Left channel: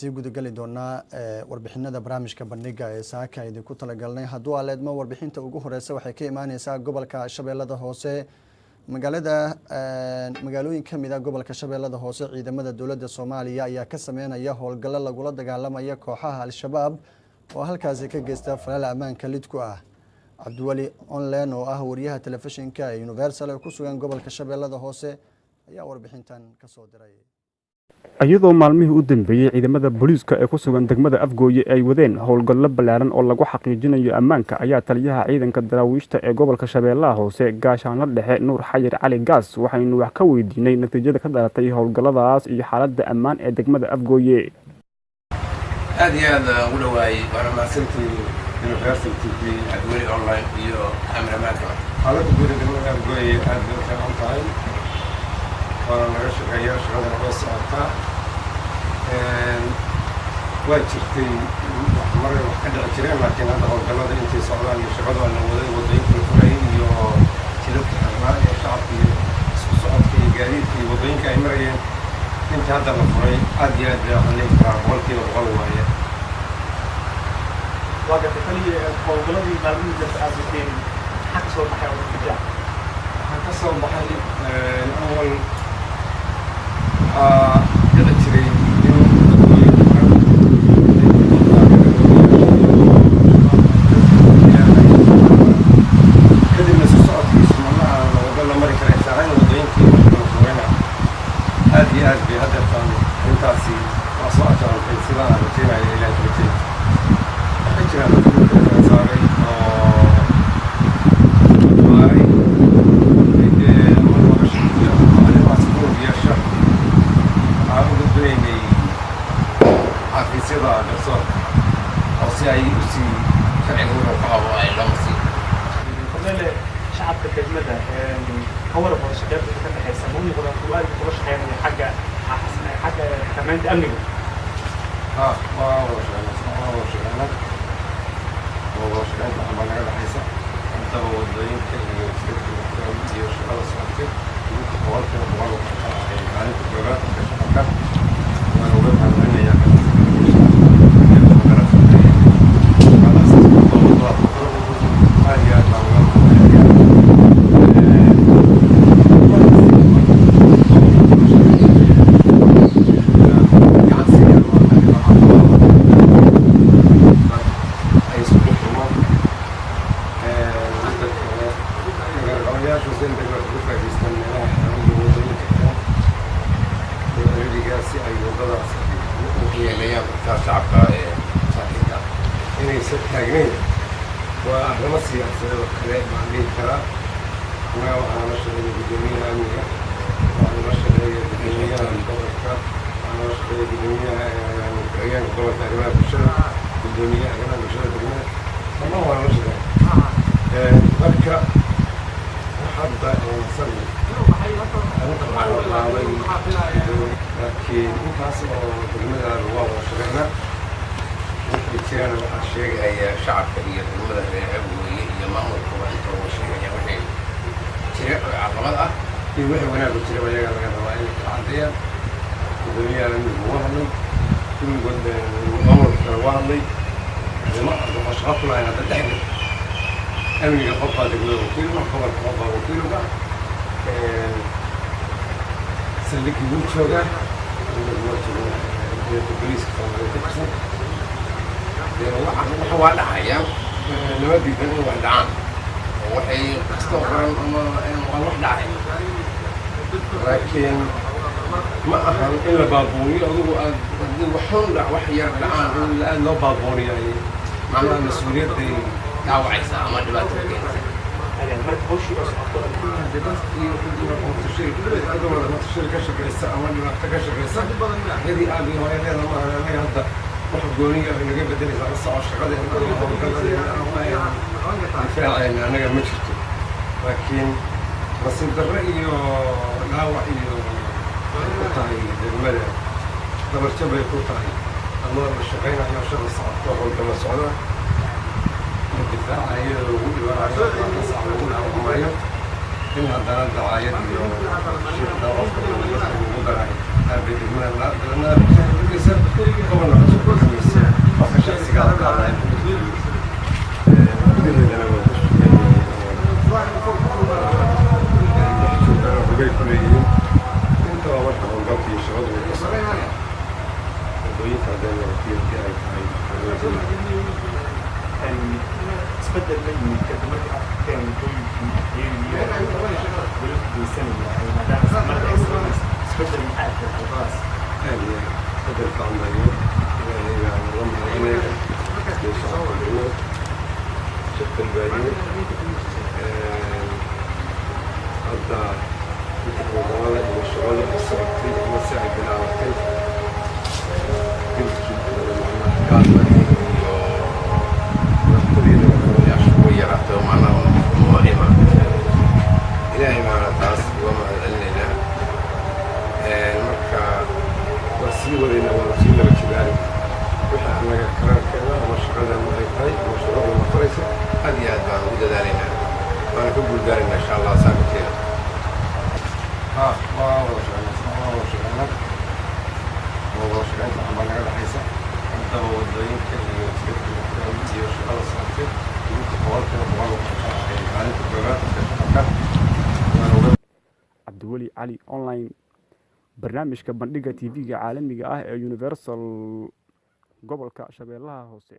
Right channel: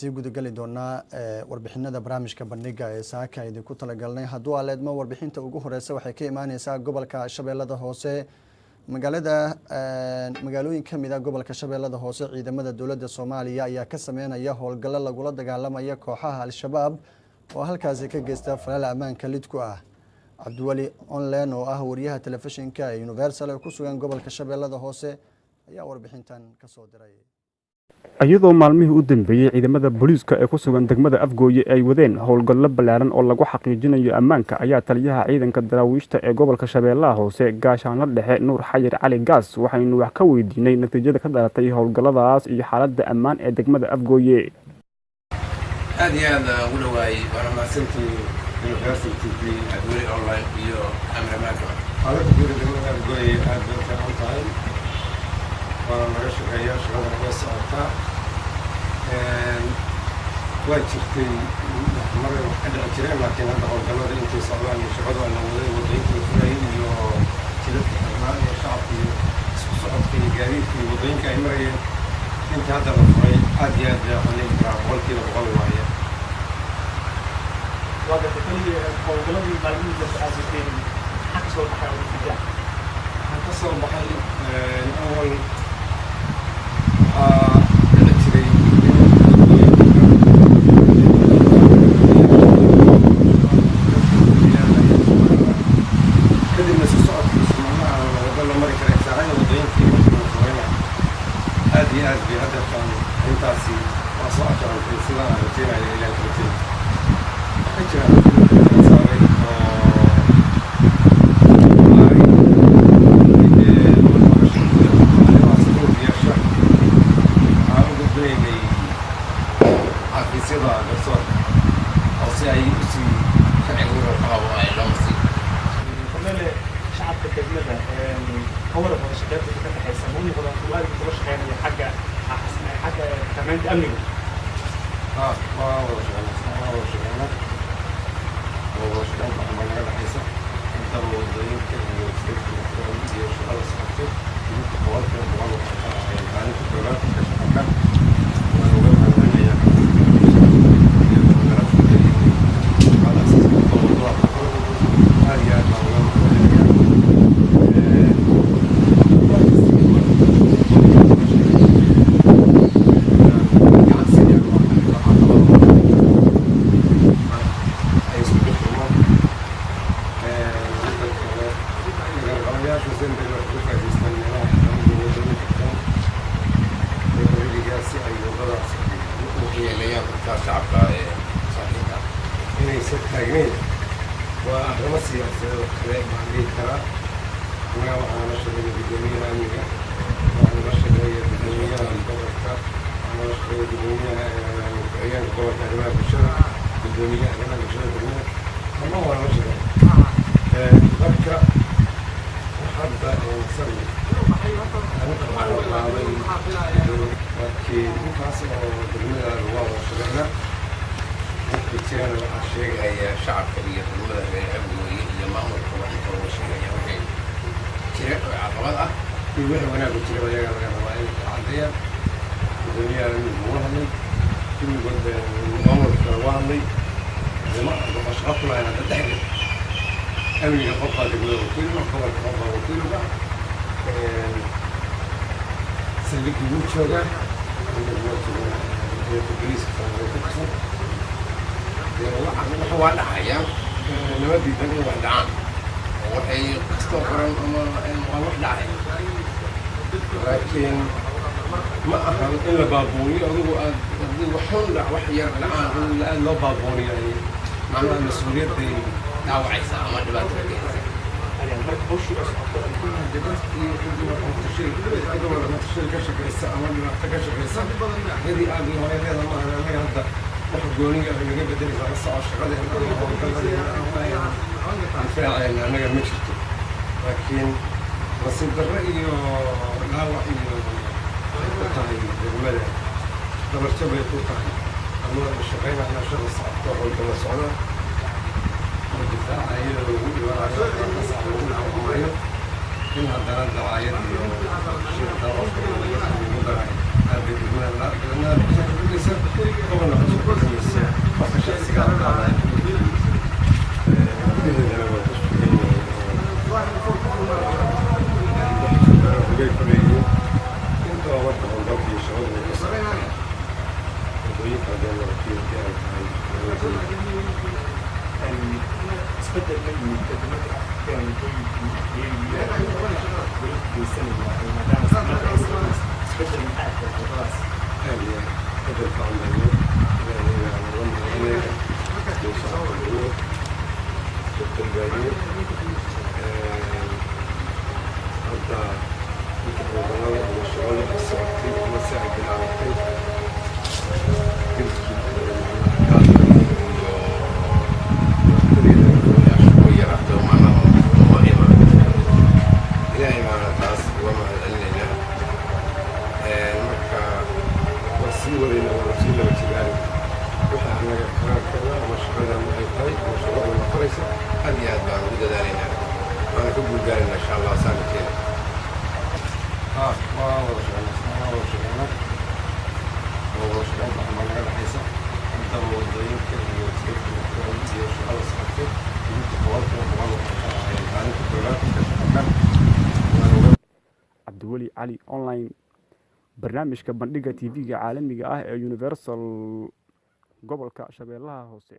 sii gudagali doonaa warbixinada barnaamijka bandhiga ee saaka idinku talagalnay hadduu aleedmo warbixinta ugu horeysa waxay ka imaaneysaa gobolka Shabeellada Hoose magaalooyin kamid ah gobolka Shabeellada Hoose ciidamada dowladda Soomaaliya ayaa ka sameynaya howlgallo lagula dagaalamaya kooxaha al-shabaab oo halkaas ka geysta falal ammaanka lid ku ah Cabdiwali online oo ah wariyaha telefishinka ee Universal ku sugan gobolka Shabeellada Hoose ayaa warbixintan ka soo diray iyadoo maalmihii u dambeeyay ciidamada booliiska ee ku sugan degmada Afgooye ay wadeen howlgallo ballaaran oo lagu xaqiijinayo ammaanka ayaa taliyaha ciidanka daraawiishta ee gobolka Shabeellaha Hoose gaashaanle dhexe Nuur Xayir Cali Gaas waxaynu wax ka weydiinay natiijada ka dhalatay howlgalladaas iyo xaaladda ammaan ee degmada Afgooye aad iyo aad ugu dhawaay waana mahadsantii Universal TV Cabdiwali online iyo cameramanka xaaladda guud ee degmada Afgooye aad bay u fiican tahay waana naga shaqeeyaa shaqada way socotaa waa jirtay maray wax ka dhici jireen laakiin hadda howlgallada intay socdaan iyo shaqadu aan waday wadooyinka la furayay iyo jidadka xirnaa iyo shacabka iyo isku socodka iyo gaadiidka iyo wadooyinka ay marayeen inta hadda la furay aad iyo aad waxaan leeyahay karaa boqolkiiba boqol waaye waa gartay kaliya howlgalladii maalmihii dambe aad jirteen maxaa ka soo baxay oo natiija waxaa ka soo baxay awal waxaa dhici jiray in wadooyinka kadibna isku socodkiisu malaha wado la mari kara saacada wadooyinkii marka la furayna aad iyo aad bay haddeertaan intaasi waa soo ajarantay sidaan aan rajaynayo ilaahay ka rajay waxay jiraan dadka kala saaray oo maaray ama nolosha iyo arrimahaas koobiyaasha waxaan u gudbinaynay xafiisyada garsoorka oo si ay u sii sharciga u rafaqabo ay loo marsiin korneele shacabka degmada kawar wada shaqeynta ka dhaxaysa ma u noqdaan kuwa aad uga shaqeynaya xagga xakamaynta amniga waa wada shaqeynaa waxbaa naga dhaxaysa haddaba wadooyinka iyo jidadka iyo shaqada socotay inta boqolkiiba boqol waxay ka ahayd maalinta koobaad ka shaqabka waan uga mahadcelinayaa shaqadaas aad iyo aad baan uga mahadcelinayaa shacabka saaxiibka inaysan taagnayn waa arrimo siyaasadeed oo kale baan dhihi karaa annaga waxaan la shaqeeya guddoomiyaha amniga waxaan la shaqeeya guddoomiyaha gobolka waxaan la shaqeeya guddoomiyaha ku-xigeenka gobolka arrimaha bulshada guddoomiyaha arrimaha bulshada degmada dhammaan waan la shaqeeya marka hadda sani arrinta waxaa la qaaday laakiin intaas oo degmada waa wada shaqeynaa wixii jirana waxaa sheegaya shacabka iyo degmada reer Afgooye iyo maamulkuba inta uga sheegaya wixii jira oo caqabad ah iyo wixii wanaag u jira ayaga laga rabaa inay kala caddeeyaan guddoomiyaha amnigu waa hadlay kulligood maamulkana waa hadlay waxaa shaqo ku lahayn hadda dhexgal amniga qofbaa degmada wakiilga gobolka qofbaa wakiilga saldhiggii wuu joogaa booliiska Soomaaliya ka tirsan waxa waa dhacaya lama diidan in wax dhacaan oo waxay kastoo qoran ama waa wax dhacay laakiin ma ahan in la baabuuniyo adigu aad waxun wax yar dhacaan in aad loo baabuuniyo ay macnaha mas-uuliyadday dhaawacaysa ama dhibaato ka keenaysa dadkii ka shaqeysa ama dhibaato ka shaqeysa yadii aad iyo hooyadeeda maaha anaga hadda wax gooniga ay naga bedelaysaa la soco shaqadeena difaaceena anaga ma jirto laakiin nasiib darro iyo dhaawac iyo waxay ku tahay degmada dabarjo bay ku tahay ama la shaqeynayo shaqa socoto howlgala socda difaaca iyadoo lagu dhibaanayo kasax lagu dhacamayo in haddana dacaayad iyo shir daawafka lagu darayo أربعة المال لأن لسه قبل حصول كميسة فكشة سجال قاعدين بديه أنا بقص يعني بقول كليين أنت وقت عن قبل شغل وكسر ضيق عدم وكيل جاي تبدل مني كدمت كان يقول السنة ما دام تبدل من حياتك خلاص يعني تبدل في عملية يعني رمضان هناك بيشرب الأول شفت الباقيين هذا مثل رمضان اللي الشغل السبتين ومساعد بالعلاقتين كنت كان ويرحته معنا مهمة إلهي معنا تاس وما لنا المركة وسيلة ورسيلة وكذلك وحنا أنا كلام كذا وشغلنا مؤيتاي وشغلنا مفرسة هذه أدبان وده دارنا وأنا كبر دارنا إن شاء الله سامتين ما هو شغلنا عملنا على حساب أنت وضعين كذا يصير يشغل ساعتين cabdiweli cali online barnaamijka bandhiga tv-ga caalamiga ah ee universal gobolka shabeellaha hoose.